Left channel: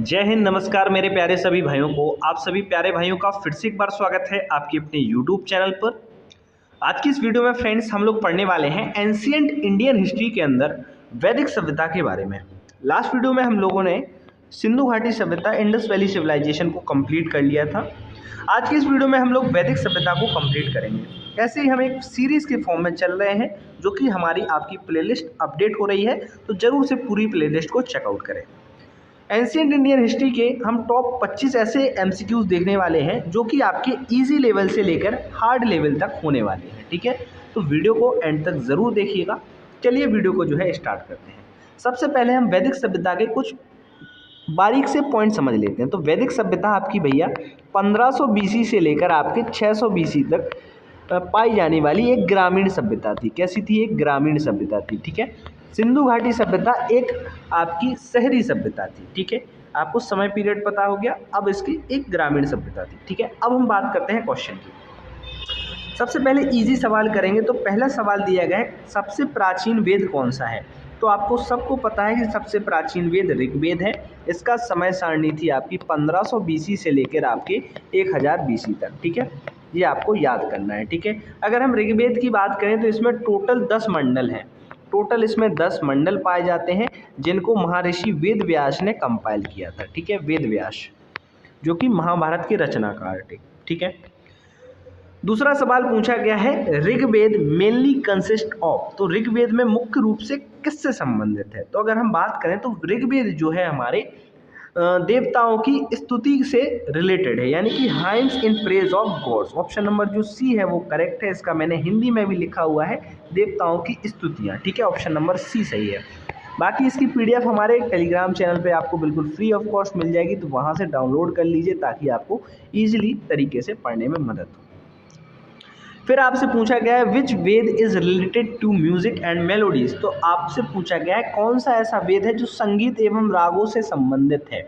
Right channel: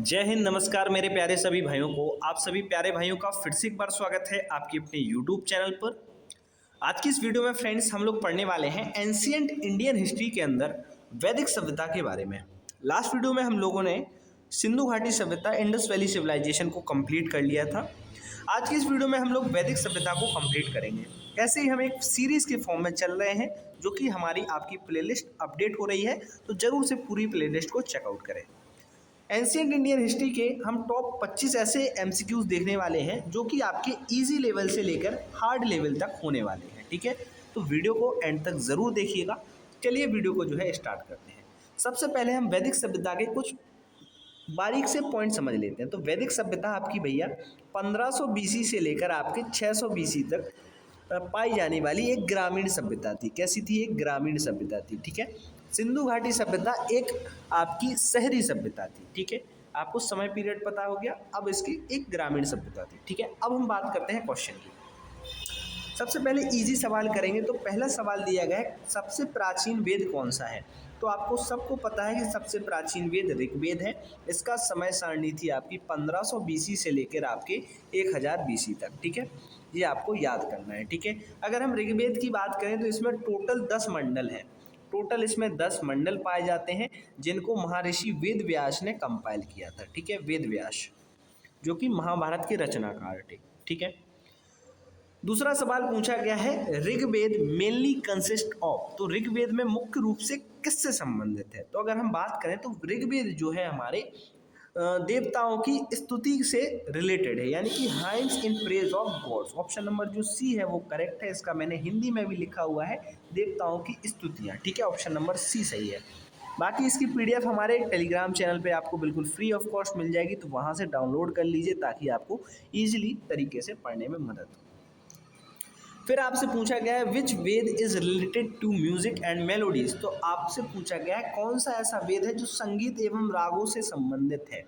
जय हिंद, नमस्कार मेरे प्यारे सभी भाइयों को। आप सभी प्यारे भाइयों का फिर से एक बार स्वागत है आपके अपने YouTube चैनल पर। आज की इस वीडियो में फ्रेंड्स हम लोग पढ़ने वाले हैं एंशिएंट इंडियन हिस्ट्री के अंदर वैदिक सभ्यता के बारे में। लास्ट वीडियो में हम लोगों ने सिंधु घाटी सभ्यता, इंडस वैली सिविलाइजेशन को कंप्लीट कर लिया था। आज की इस वीडियो में हम लोग वैदिक सभ्यता को कंप्लीट करेंगे। ऐसे ही हम एक सीरीज के फॉर्म में चल रहे हैं, जो कि हमारी आपकी प्लेलिस्ट अपडेट हो रही है, तो जरूर से पूरी प्लेलिस्ट को चेकआउट करें। एंशिएंट इंडियन हिस्ट्री के हम टॉप 25 ऐसे एमसीक्यूज देखने वाले हैं जो कि आपके इजी लेवल से लेकर हार्ड लेवल तक होने वाले हैं। ठीक है, तो वीडियो को एंड तक ज़रूर देखिएगा। चलिए वीडियो को जो है स्टार्ट करते हैं। सबसे पहले हम वैदिक सभ्यता के कुछ बारीक से पॉइंट समझ लेते हैं। तो वैदिक सभ्यता आपकी भैया 1500 बीसी से लेकर आपके 600 बीसी तक पाई जाने वाली एक ग्रामीण सभ्यता थी। कैसी थी? एक ग्रामीण सभ्यता थी। ठीक है, सिंधु घाटी सभ्यता एक आपकी शहरी सभ्यता थी। ठीक है, आपको समय पीरियड पता हो गया। अब इसकी एक ग्रामीण सभ्यता थी। ठीक है, अब हम बात करते हैं क्वेश्चन की। सबसे पहले इजी सवाल करेंगे। तो पहला सवाल दिया गया है, सबसे प्राचीन वेद कौन सा है? तो आपको सबको पता है कि सबसे प्राचीन वेद ऋग्वेद है। इसका समय सारणी थी आपकी 1500 बीसी से लेकर आपके 1000 बीसी तक। ठीक है, ये आपको याद करना है। ठीक है, अगर हम ऋग्वेद की बात करें तो इसमें टोटल 10 मंडल हैं। टोटल इसमें 10 मंडल पाए जाते हैं, जिनको महर्षि वेद व्यास ने कंपाइल किया था। ठीक है, वेद व्यास जो कि महाभारत के रचनाकार थे। ठीक है, दूसरा सवाल पूछा गया है, ऋग्वेद मेनली कंसिस्ट ऑफ। तो ऋग्वेद में मुख्य रूप से किससे संबंधित है? तो अगर हम बात करें तो ऋग्वेद जो है हमारे देवताओं की स्तुति से रिलेटेड है, यानी कि hymns in praise of gods. Option number जो सी है वो करेक्ट है। इसका मैंने हिंदी में भी लिखा हुआ है, देवताओं की स्तुतियाँ। ठीक है, ऑप्शन नंबर सी सही है। बाकी इसकी पीडीएफ हमारे टेलीग्राम चैनल पे आपको बिल्कुल फ्री ऑफ कॉस्ट मिल जाएगी, तो वहाँ से डाउनलोड कर लीजिए ताकि आपको ईजिली तरीके से पढ़ने में मदद हो। फिर आपसे पूछा गया है, which Veda is related to music and melodies. तो आपसे पूछा गया है कौन सा ऐसा वेद है जो संगीत एवं रागों से संबंधित है?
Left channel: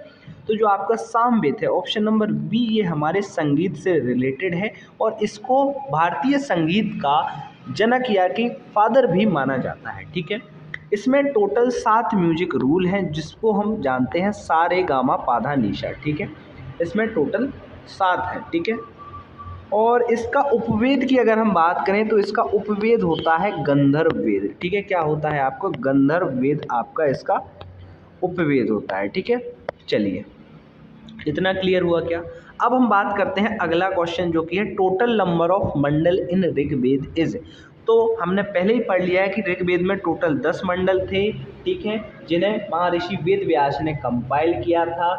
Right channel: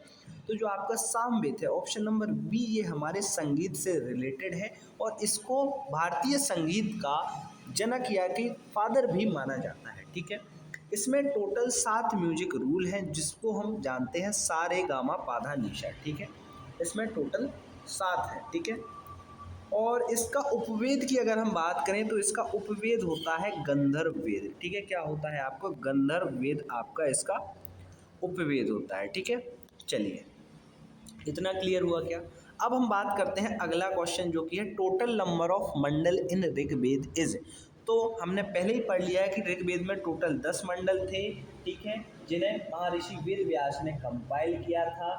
तो जो आपका साम वेद है, ऑप्शन नंबर बी, ये हमारे संगीत से रिलेटेड है और इसको भारतीय संगीत का जनक या कि फादर भी माना जाता है। ठीक है, इसमें टोटल 7 म्यूजिक रूल हैं, जिसको हम जानते हैं सा रे गा मा पा धा नी सा। ठीक है, इसमें टोटल 7 है। ठीक है, और इसका उपवेद की अगर हम बात करें तो इसका उपवेद होता है गंधर्व वेद। ठीक है, क्या होता है आपको? गंधर्व वेद आपका इसका उपवेद होता है। ठीक है, चलिए इतना क्लियर हुआ क्या? अब हम बात करते हैं अगला क्वेश्चन, जो कि है total number of mandal in Rigveda is. तो हमने पहले ही पढ़ लिया है कि ऋग्वेद में टोटल 10 मंडल थे। ठीक है, जिन्हें महर्षि वेद व्यास ने कंपाइल किया था।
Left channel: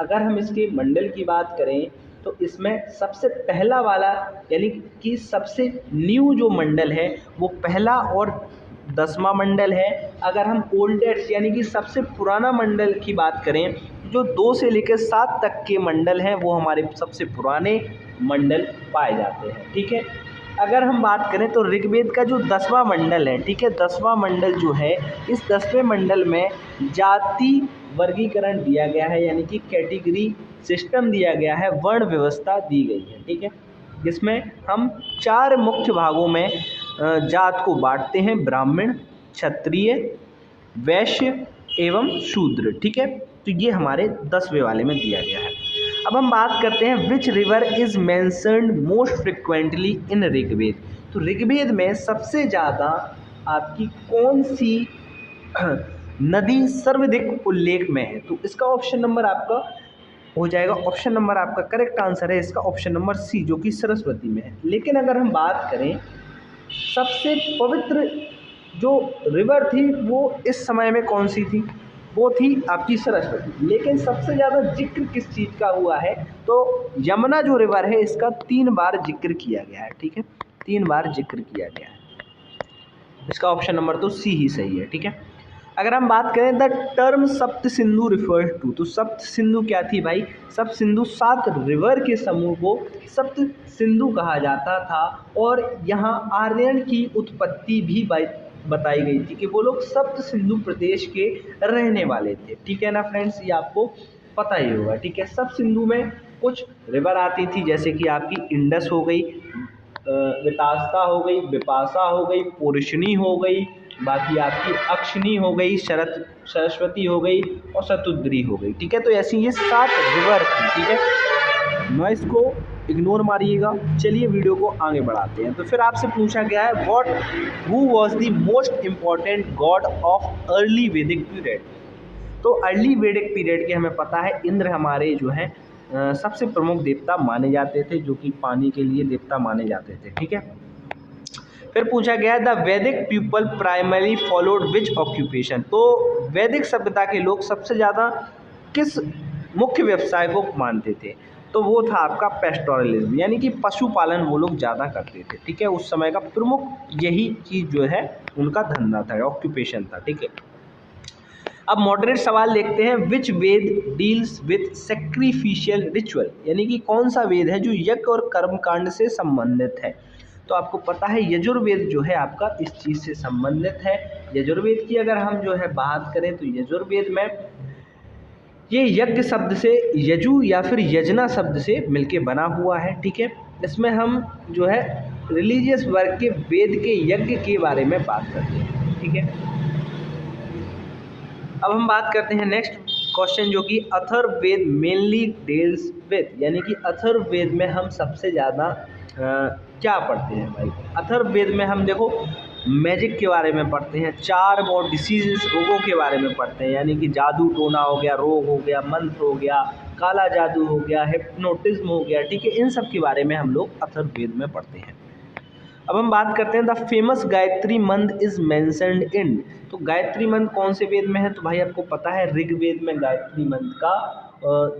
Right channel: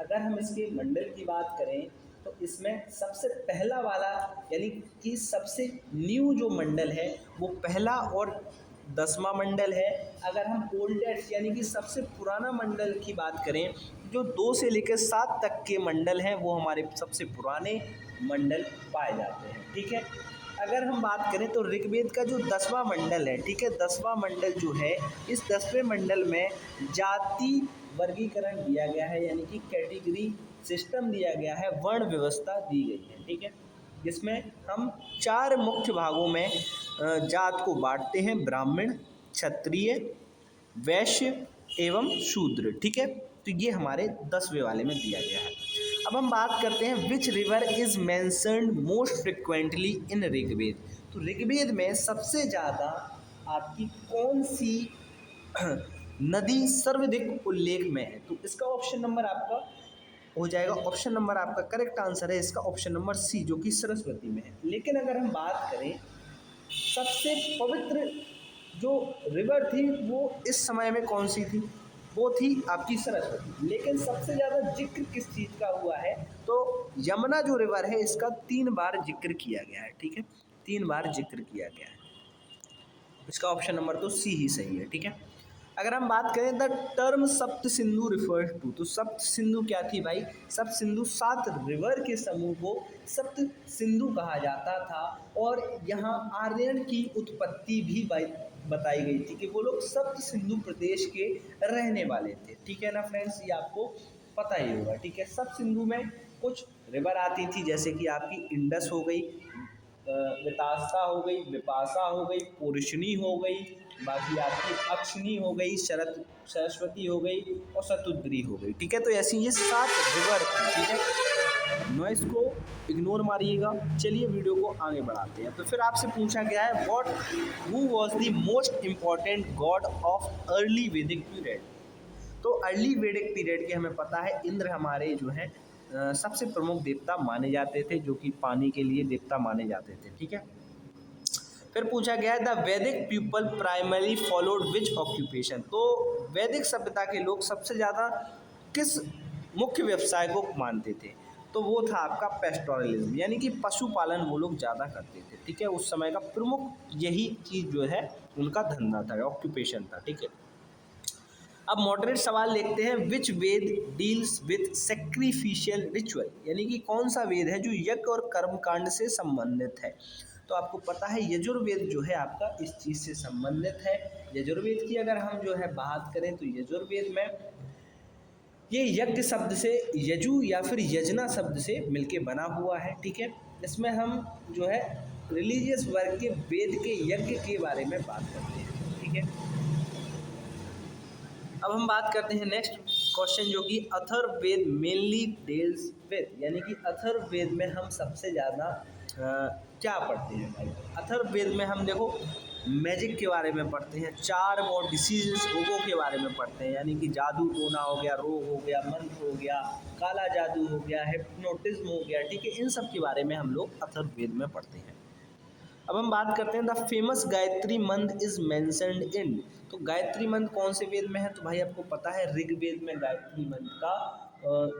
अगर हम इसके मंडल की बात करें तो इसमें सबसे पहला वाला, यानी कि सबसे न्यू जो मंडल है वो पहला और 10वां मंडल है। अगर हम ओल्डेस्ट यानी कि सबसे पुराना मंडल की बात करें, जो 2 से लेकर 7 तक के मंडल हैं वो हमारे सबसे पुराने मंडल पाए जाते हैं। ठीक है, अगर हम बात करें तो ऋग्वेद का जो 10वां मंडल है, ठीक है, 10वां मंडल जो है, इस 10वें मंडल में जाति वर्गीकरण दिया गया है, यानी कि कैटेगरी सिस्टम दिया गया है, वर्ण व्यवस्था दी गई है। ठीक है, जिसमें हम 4 मुख्य भागों में जात को बांटते हैं, ब्राह्मण, क्षत्रिय, वैश्य एवं शूद्र। ठीक है, तो ये हमारे 10वें वाले में दिया गया है। अब हम बात करते हैं, which river is mentioned most frequently in Rigveda. तो ऋग्वेद में सबसे ज़्यादा आपकी कौन सी नदी सर्वाधिक उल्लेख में है? तो इसका ऑप्शन नंबर आपका हो जाएगा, ऑप्शन नंबर आपका करेक्ट आंसर है इसका ऑप्शन नंबर सी, जो कि सरस्वती में है। लेकिन अगर हम बात करें सबसे पवित्र जो रिवर थी वो इस समय में कौन सी थी? वो थी आपकी सरस्वती। लेकिन सबसे ज़्यादा जिक्र किस चीज़ का हुआ है? तो यमुना जो रिवर है इसका 3 बार जिक्र किया गया है। ठीक है, 3 बार जिक्र किया गया है। इसका ऑप्शन नंबर तो सी ही सही है। ठीक है, अगर हम बात करें द टर्म सप्त सिंधु रिफर्स टू, तो सप्त सिंधु क्या थी भाई? सप्त सिंधु 7 रिवर के समूह को सप्त सिंधु कहा जाता था। और यहाँ आर्यन की उत्पत्ति भी बताई गई थी कि वो लोग सप्त सिंधु प्रदेश के रहने वाले थे। ठीक है ना फ्रेंड्स, ये आपको पता ही होगा। ठीक है, सप्त सिंधु में कुछ रिवर आती थी, जैसे कि आपकी इंडस हो गई, वितासा हो गई, बिपाशा हो गई, पोर्शनी हो गई, बाकी आपकी अक्षनी हो गई, सरस्वती हो गई और शतुद्री हो गई। ठीक है, तो ऐसी ये 7 रिवर थी। ठीक है, नॉइस को इग्नोर मारिएगा। चलिए वीडियो को आगे बढ़ाते हैं। तो फिर आपसे पूछा गया है what who was the most important God of early Vedic period. तो अर्ली वैदिक पीरियड के हमें पता है इंद्र हमारे जो है सबसे प्रमुख देवता माने जाते थे, जो कि पानी के लिए देवता माने जाते थे। ठीक है, फिर पूछा गया द वैदिक पीपल प्राइमरी फॉलोड विच ऑक्यूपेशन। तो वैदिक सभ्यता के लोग सबसे ज़्यादा किस मुख्य व्यवसाय को मानते थे, तो वो था आपका पेस्टोरलिज्म, यानी कि पशुपालन वो लोग ज़्यादा करते थे। ठीक है, उस समय का प्रमुख यही चीज़ जो है उनका धंधा था, ऑक्यूपेशन था। ठीक है, अब मॉडरेट सवाल देखते हैं विच वेद डील्स विद सेक्रीफिशियल रिचुअल, यानी कि कौन सा वेद है जो यज्ञ और कर्मकांड से संबंधित है। तो आपको पता है यजुर्वेद जो है आपका इस चीज़ से संबंधित है। यजुर्वेद की अगर हम जो है बात करें तो यजुर्वेद में ये यज्ञ शब्द से यजु या फिर यजना शब्द से मिलके बना हुआ है। ठीक है, इसमें हम जो है रिलीजियस वर्क के वेद के यज्ञ के बारे में बात करते हैं। ठीक है, अब हम बात करते हैं नेक्स्ट क्वेश्चन, जो कि अथर्ववेद मेनली डील्स विद, यानी कि अथर्ववेद में हम सबसे ज़्यादा क्या पढ़ते हैं भाई। अथर्ववेद में हम देखो मैजिक के बारे में पढ़ते हैं, चार्म और डिसीजेस रोगों के बारे में पढ़ते हैं, यानी कि जादू टोना हो गया, रोग हो गया, मंत्र हो गया, काला जादू हो गया, हिप्नोटिज्म हो गया। ठीक है, इन सब के बारे में हम लोग अथर्ववेद में पढ़ते हैं। अब हम बात करते हैं द फेमस गायत्री मंत्र इज मेंशन्ड इन। तो गायत्री मंत्र कौन से वेद में है, तो भाई आपको पता है ऋग्वेद में गायत्री मंत्र का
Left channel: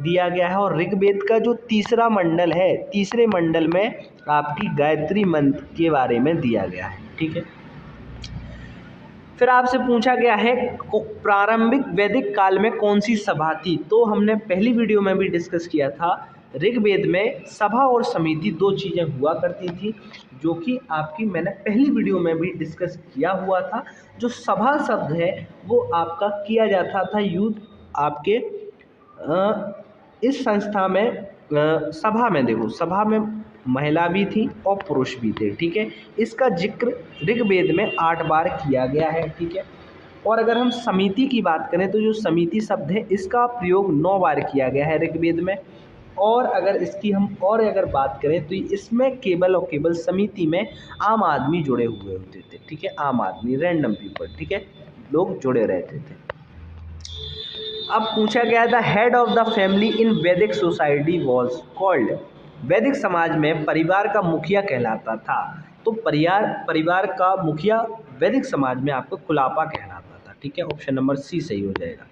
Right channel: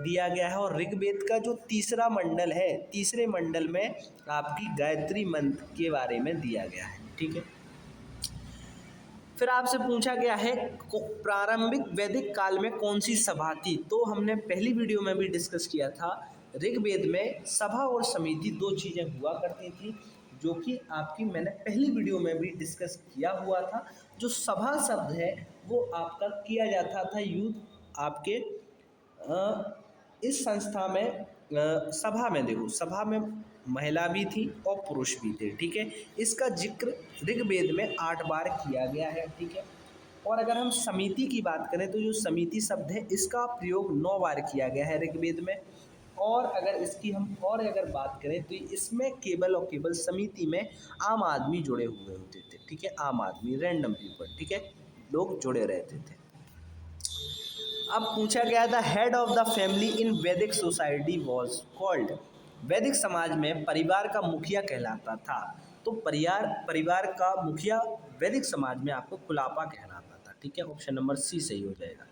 दिया गया है, और ऋग्वेद का जो तीसरा मंडल है, तीसरे मंडल में आपकी गायत्री मंत्र के बारे में दिया गया है। ठीक है, फिर आपसे पूछा गया है प्रारंभिक वैदिक काल में कौन सी सभा थी। तो हमने पहली वीडियो में भी डिस्कस किया था, ऋग्वेद में सभा और समिति दो चीज़ें हुआ करती थी, जो कि आपकी मैंने पहली वीडियो में भी डिस्कस किया हुआ था। जो सभा शब्द है वो आपका किया जाता था यूथ आपके इस संस्था में, सभा में देखो, सभा में महिला भी थी और पुरुष भी थे। ठीक है, इसका जिक्र ऋग्वेद में 8 बार किया गया है। ठीक है, और अगर हम समिति की बात करें तो जो समिति शब्द है इसका प्रयोग 9 बार किया गया है ऋग्वेद में। और अगर इसकी हम और अगर बात करें तो इसमें केवल और केवल समिति में आम आदमी जुड़े हुए होते थे। ठीक है, आम आदमी, रैंडम पीपल, ठीक है, लोग जुड़े रहते थे। अब पूछा गया the head of the family in Vedic society was called. वैदिक समाज में परिवार का मुखिया कहलाता था। तो परिवार का मुखिया वैदिक समाज में आपको कुलापा कहलाता था। ठीक है, ऑप्शन नंबर सी सही हो जाएगा।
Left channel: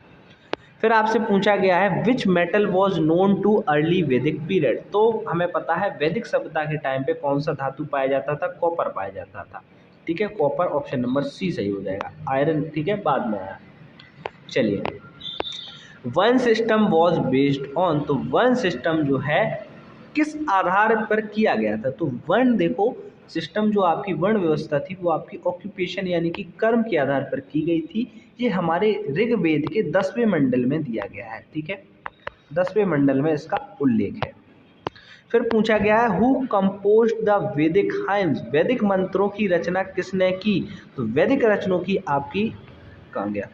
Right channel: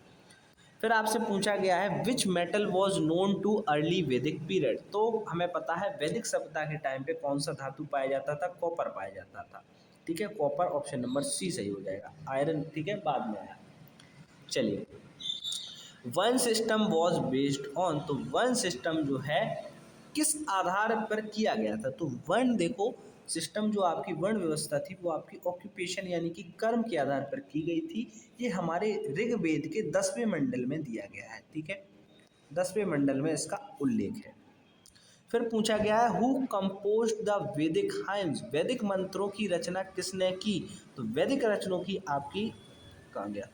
फिर आपसे पूछा गया है which metal was known too early Vedic period. तो हमें पता है वैदिक सभ्यता के टाइम पे कौन सा धातु पाया जाता था, कॉपर पाया जाता था। ठीक है, कॉपर, ऑप्शन नंबर सी सही हो जाएगा। आयरन ठीक है बाद में आया। चलिए, one system was based on. तो वन सिस्टम जो है किस आधार पर किया गया था, तो वन देखो सिस्टम जो आपकी वर्ण व्यवस्था थी वो आपकी ऑक्यूपेशन यानी कि कर्म के आधार पर की गई थी। ये हमारे ऋग्वेद के 10वें मंडल में दिया गया है। ठीक है, 10वें मंडल में इसका उल्लेख है। फिर पूछा गया है हु कंपोज्ड द वैदिक हाइम्स। वैदिक मंत्रों की रचना किसने की, तो वैदिक रचनों की आपकी कहाँ गया,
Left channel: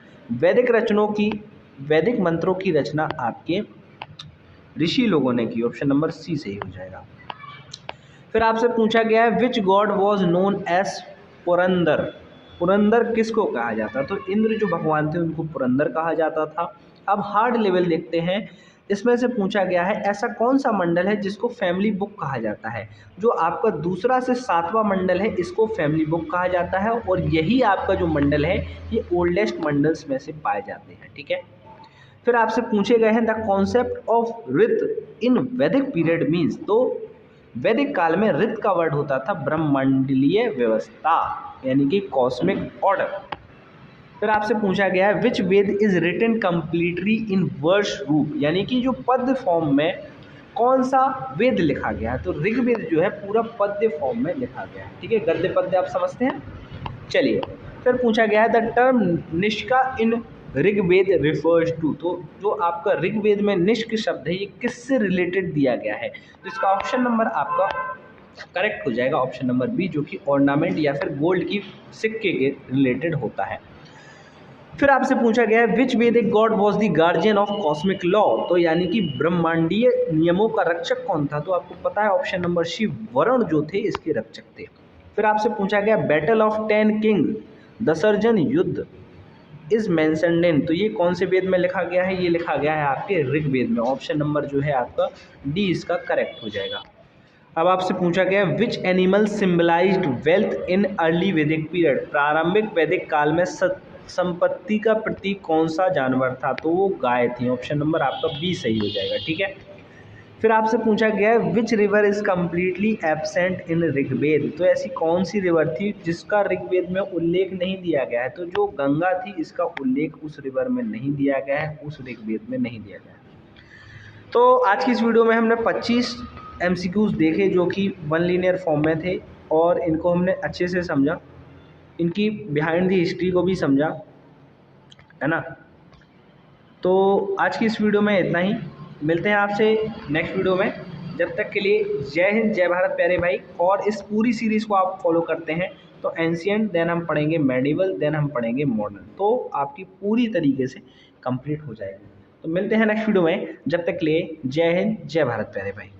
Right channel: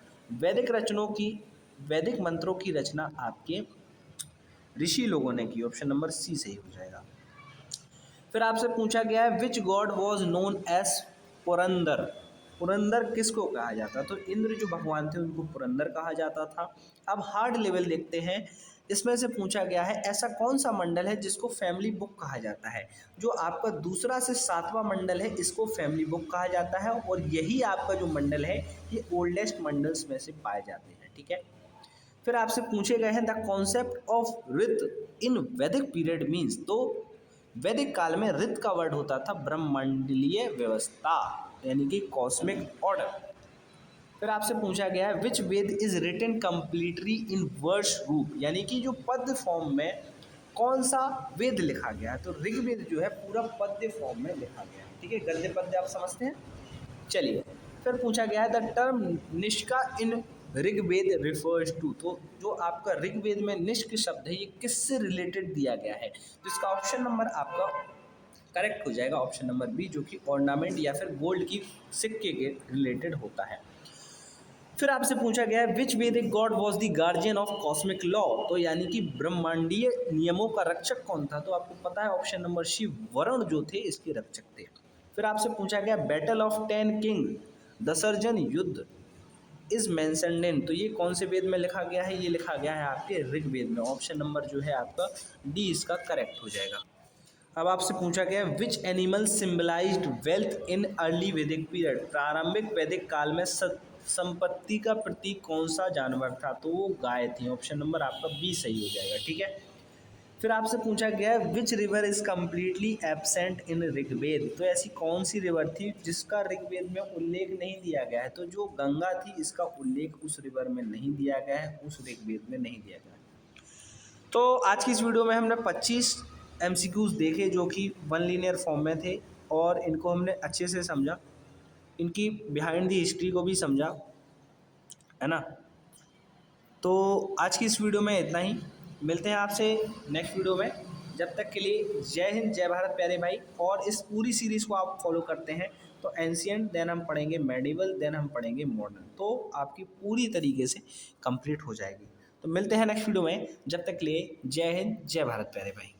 वैदिक मंत्रों की रचना आपके ऋषि लोगों ने की। ऑप्शन नंबर सी सही हो जाएगा। फिर आपसे पूछा गया है which god was known as Purandar. Purandar किसको कहा जाता, तो इंद्र जो भगवान थे उनको पुरंदर कहा जाता था। अब हार्ड लेवल देखते हैं, इसमें से पूछा गया है ऐसा कौन सा मंडल है जिसको फैमिली बुक कहा जाता है। जो आपका दूसरा से 7वां मंडल है इसको फैमिली बुक कहा जाता है, और यही आपका जो मंडल है ये ओल्डेस्ट मंडल्स में से पाए जाते हैं। ठीक है, फिर आपसे पूछे गए हैं द कॉन्सेप्ट ऑफ ऋत इन वैदिक पीरियड मीन्स। तो वैदिक काल में ऋत का वर्ड होता था ब्रह्मंडलीय व्यवस्था, यानी कि कॉस्मिक ऑर्डर। फिर आपसे पूछा गया है which Veda is written completely in verse रूप, यानी कि जो पद्य फॉर्म में कौन सा वेद लिखा गया है। तो ऋग्वेद जो है पूरा पद्य फॉर्म में लिखा गया है। ठीक है, गद्य पद्य आप समझते हैं। चलिए, फिर पूछा गया है the term nishka in Rigveda refers to. तो जो आपका ऋग्वेद में निष्क शब्द है ये किससे रिलेटेड दिया गया है, तो इसका ऑप्शन नंबर आपका करेक्ट हो जाएगा ऑप्शन नंबर बी, जो कि ऑर्नामेंट या फिर गोल्ड की सिक्के के रिलेटेड होता है। फिर आपसे पूछा गया है विच वैदिक God was the guardian of cosmic law, तो यानी कि ब्रह्मांडीय नियमों का रक्षक कौन था, तो आपको पता है ऑप्शन नंबर सी, वरुण जो थे इसके रक्षक थे। फिर आपसे पूछा गया बैटल ऑफ 10 किंग, दसर्जन युद्ध इज मेंशन्ड इन, तो ये कौन से वेद में लिखा गया है, ये लिखा गया है आपके ऋग्वेद में। ऑप्शन नंबर जो है आपका डी इसका करेक्ट हो जाएगा। अब आपसे पूछा गया which animal symbolized wealth in early Vedic period, प्रारंभिक वैदिक काल में संपत्ति का प्रतीक कौन सा जानवर था, तो वो गाय थी। ऑप्शन नंबर आपका बी सही हो जाएगा, ठीक है। फिर आपसे पूछा गया है which river is completely absent in Rigveda, तो ऐसी कौन सी रिवर थी जिसका ऋग्वेद में उल्लेख नहीं दिया गया है, तो जो गंगा थी इसका उल्लेख उस रिवर में नहीं दिया गया है, उस ऋग्वेद में नहीं दिया गया है। तो आज की इस वीडियो में हमने 25 MCQs देखे जो कि वन लीनियर फॉर्म में थे और इनको हमने अच्छे से समझा, इनकी बिहाइंड दी हिस्ट्री को भी समझा, है ना। तो आज की इस वीडियो में इतना ही, मिलते हैं आपसे नेक्स्ट वीडियो में। जब तक के लिए जय हिंद, जय भारत प्यारे भाई। और इस पूरी सीरीज़ को आप फॉलो करते हैं तो एंशिएंट, देन हम पढ़ेंगे मेडिवल, देन हम पढ़ेंगे मॉडर्न, तो आपकी पूरी तरीके से कंप्लीट हो जाएगी। तो मिलते हैं नेक्स्ट वीडियो में, जब तक के लिए जय हिंद, जय भारत प्यारे भाई।